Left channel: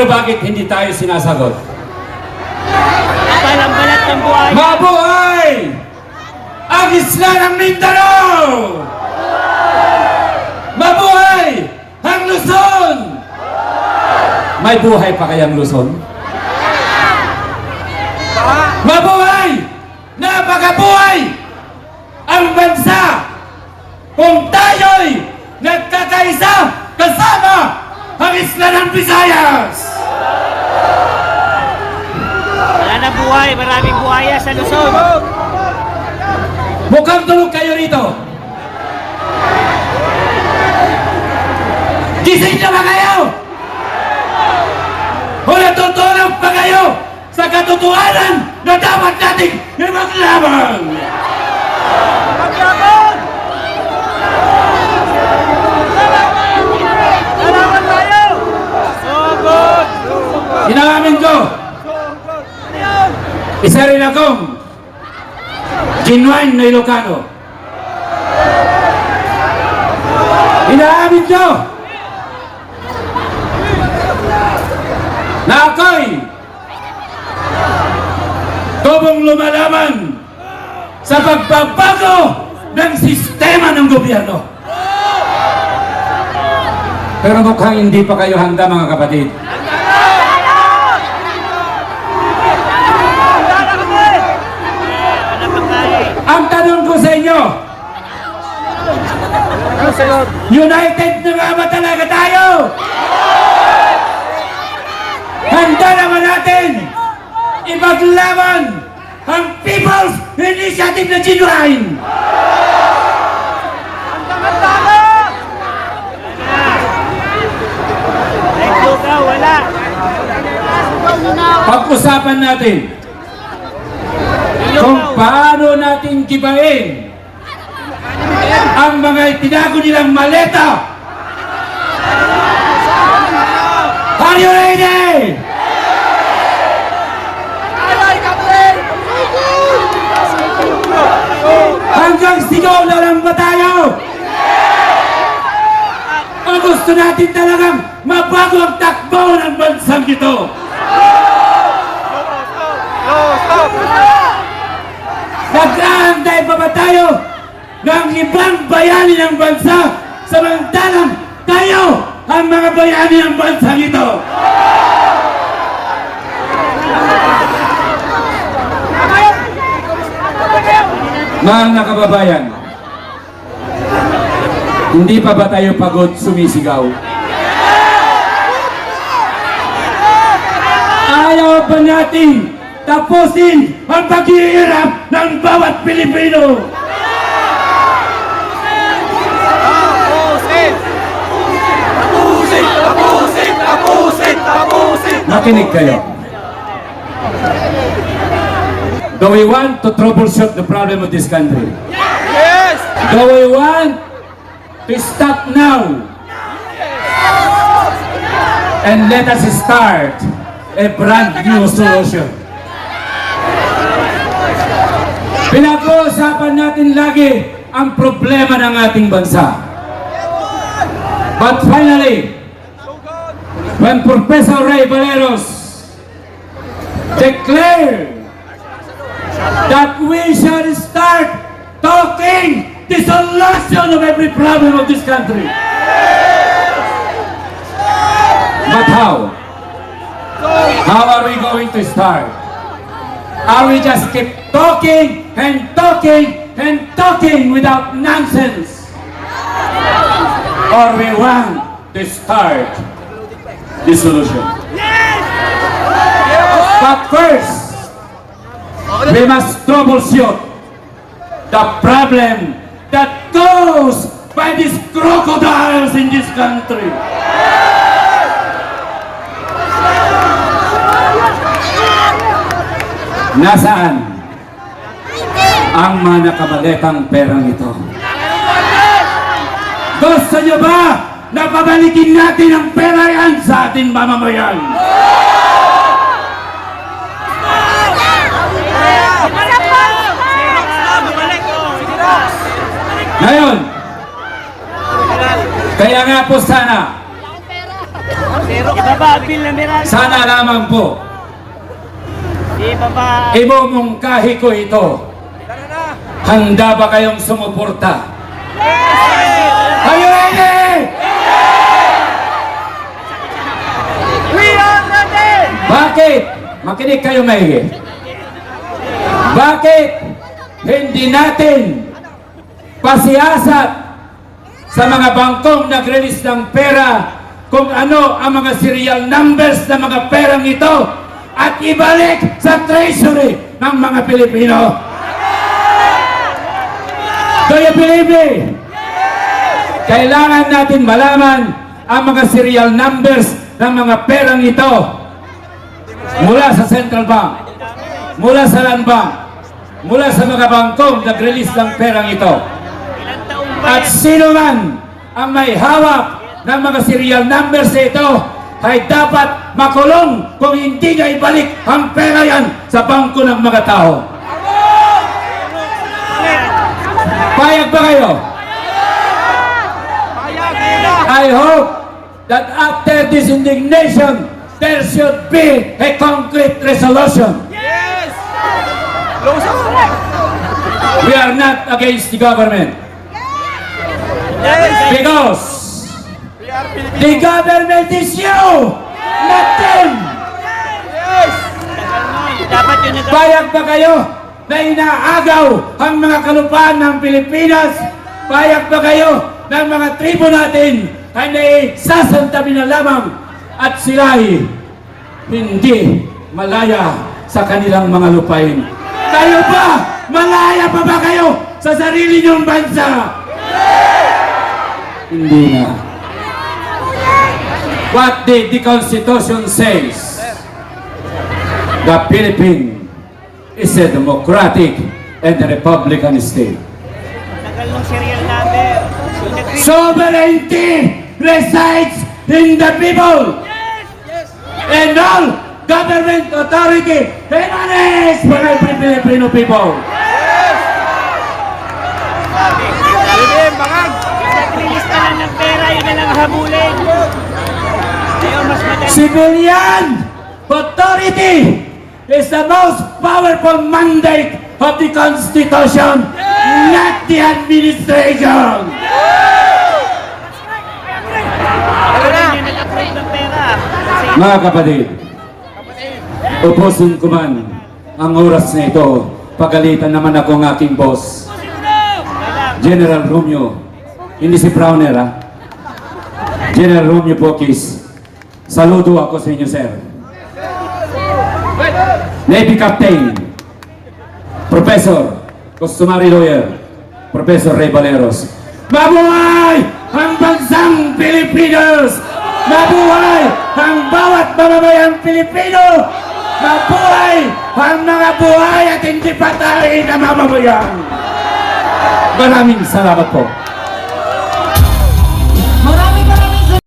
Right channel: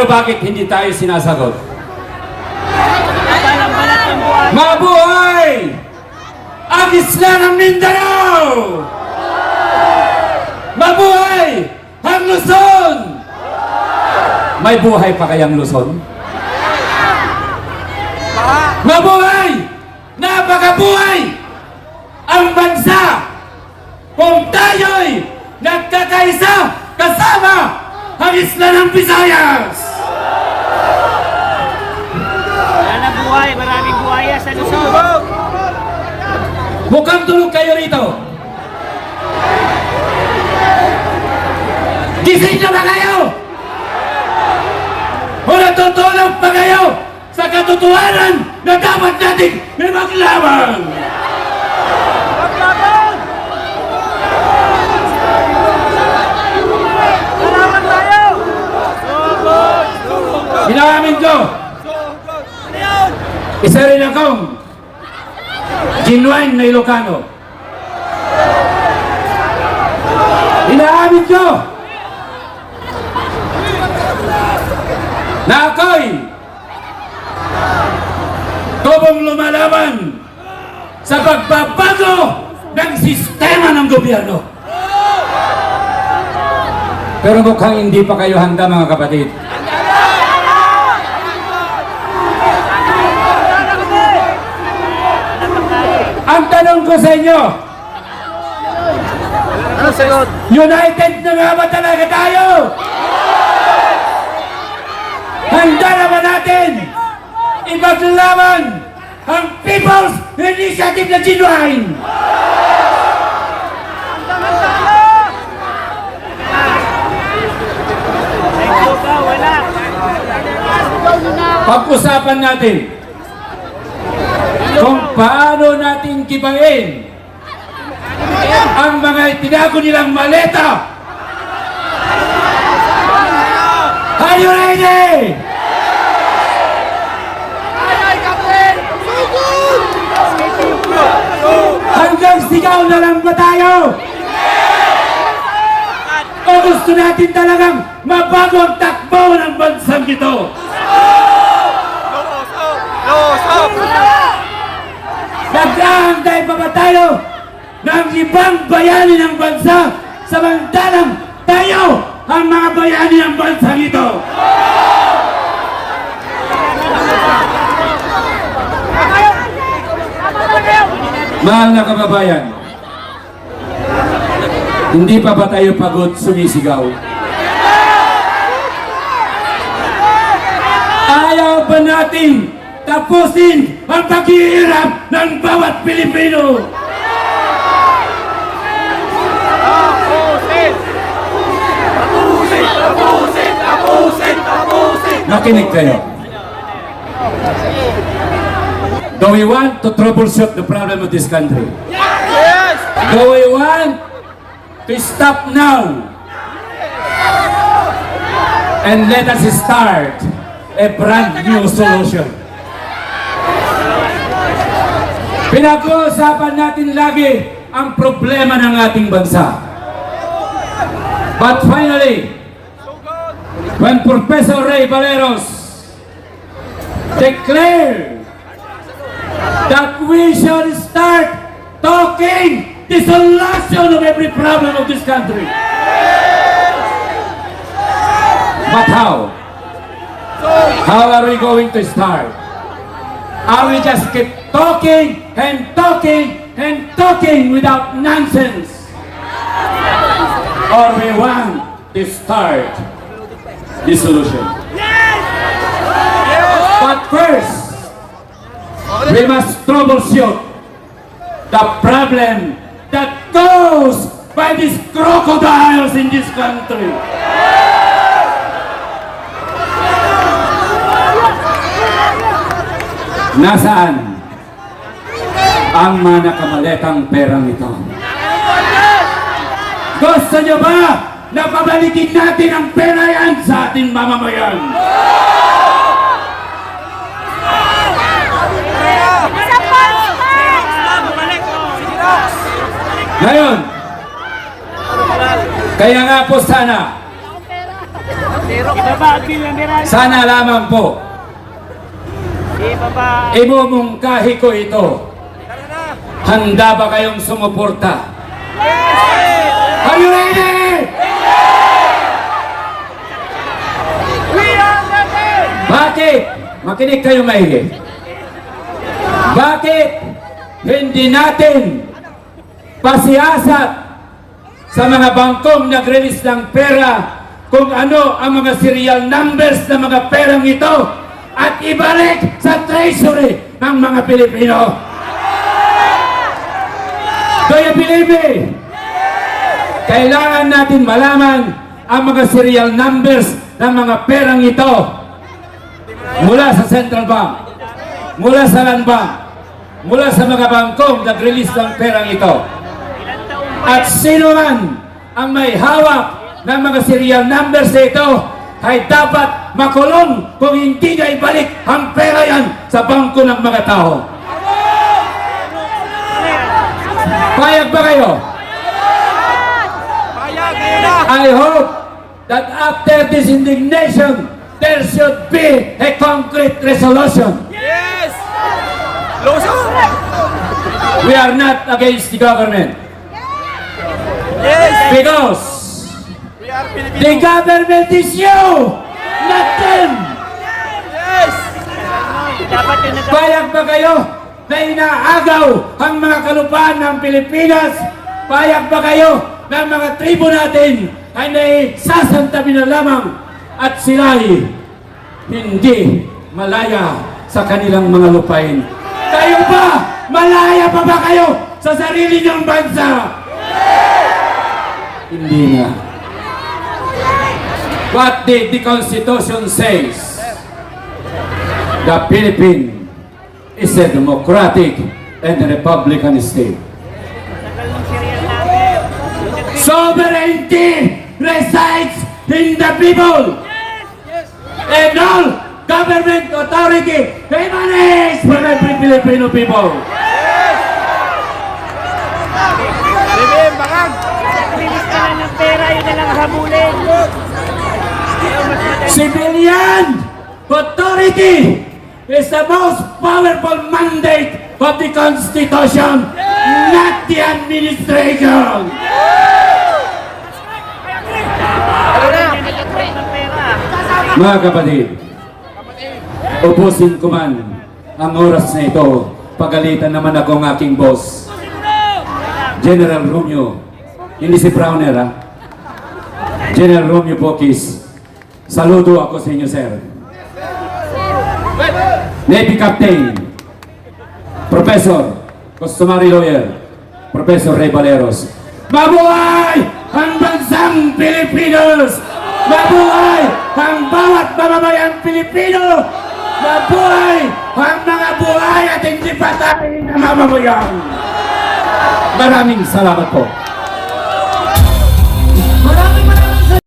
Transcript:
Pero bakit hindi tayo sinasagot? Balang-balat ng buhay. Mabuhay ang isla ng Mindanao! Mabuhay ang Luzon! May buhay pa kayang Luzon? Mabuhay! Napakabuhay ang bansa kung tayo'y nagkakaisa kasama ang isla ng Visayas! Wala na buhay, maraming buhaya sa Luzon. Mukhang tulog kayo rito. Gising na ba kayo? O natutulog pa kayo sa katotohanan na dapat nating maglaban? Inaamin ko, isa rin akong genuine na Ilocano. Inaamin ko na ako'y tubong lumalaban sa pagbabago ng sistema ng gobyerno. Pero mukhang hindi pa kayo handa, mga kapatid. Ang tanong ko sa inyo, united na nga ba talaga tayo? Handa naman natin ipaglaban ang People's Initiative na genuine. Pag-usapan natin kung paano natin kibain ang mga tinago nilang maleta. Are you ready? Ay, Captain! Hanggang sigaw na lang ba tayo? O gusto natin talagang mabago ang takbo ng bansang ito? Nag-aantay pa ba tayo ng ibang bayani ng bansa samantalang tayo ang mga bayani ng bansa ito? Mga kababayan, hindi pa ba tayo pagod sumisigaw? Ayaw ba natin tapusin ang paghihirap ng bawat Pilipino? Nakinig kayo. Do we want to troubleshoot the problem of this country? Yes! Do we want to stop now and let us start a brand new solution? Pinag-uusapan natin lagi ang problema ng ating bansa. But finally, when Professor Ray Valeros declared that we shall start talking the solution of every problem of this country. But how? How are we going to start? Are we just keep talking and talking and talking without nonsense? Or we want to start the solution? But first, we must troubleshoot the problem that goes by these crocodiles in this country. Nasaan ang mga nakamaletang perang ito? Gusto nyo ba na pabalikin natin ang pera yan sa ating mamamayan? Ngayon, kaya nga po sana Ibaba ang bill na meron. Sana lamang po, Ibaba. imumungkahi ko ito. Handa ba kayong sumuporta? Are you ready? Bakit? Makinig kayo maigi. Bakit hindi natin pasiyasat sa mga bangkong nag-release ng pera kung ano ang mga serial numbers ng mga perang ito at ibalik sa treasury ng mga Pilipino? Do you believe me? Kailangan natin malaman ang mga serial numbers ng mga perang ito mula sa Central Bank, mula sa Land Bank, mula sa mga bangkong nag-release ng perang ito. At sino man ang may hawak ng mga serial numbers ito ay dapat makulong kung hindi niya ibalik ang pera yan sa bangko ng mga tao. Payag ba kayo? I hope that after this indignation, there should be a concrete resolution. Yes! We are not against the government Yes! because We are Filipino. the government is you, not them. Yes! Dapat yun na Payag ba kayo na inaagaw ang mga kalupaan ng Pilipinas? Payag ba kayo ng mga tribo natin ay naisasantabi na lamang at sila'y hindi malaya sa kanilang mga lupain? Kayo ba? Malaya pa ba kayo sa sarili niyong bansa? Hindi na. What did the Constitution says? The Philippines is a democratic and a republican state. tagal ng serial number. Sovereignty resides in the people. And all government authority emanates from every Filipino people. Bibim, bakag! Release na lang ng pera, yun na lang habulin. Ayaw mas madali. Civilian authority is the most powerful mandate of the Constitution, not the administration. Tara na! Yun na lang ng pera. Mga kapatid, ubusin ko man ang oras na ito, pagalitan naman ako ng aking boss, General Romeo, hindi si Browner ha. General Romeo Bokis, saludo ako sa inyo, sir. Navy Captain, Professor, Customary Lawyer, Professor Ray Valeros. Mabuhay ang bansang Pilipinos! Mabuhay ang bawat mamamayang Pilipino! Mabuhay ang mga buhay at hindi patay na mamamayan! Maraming salamat po.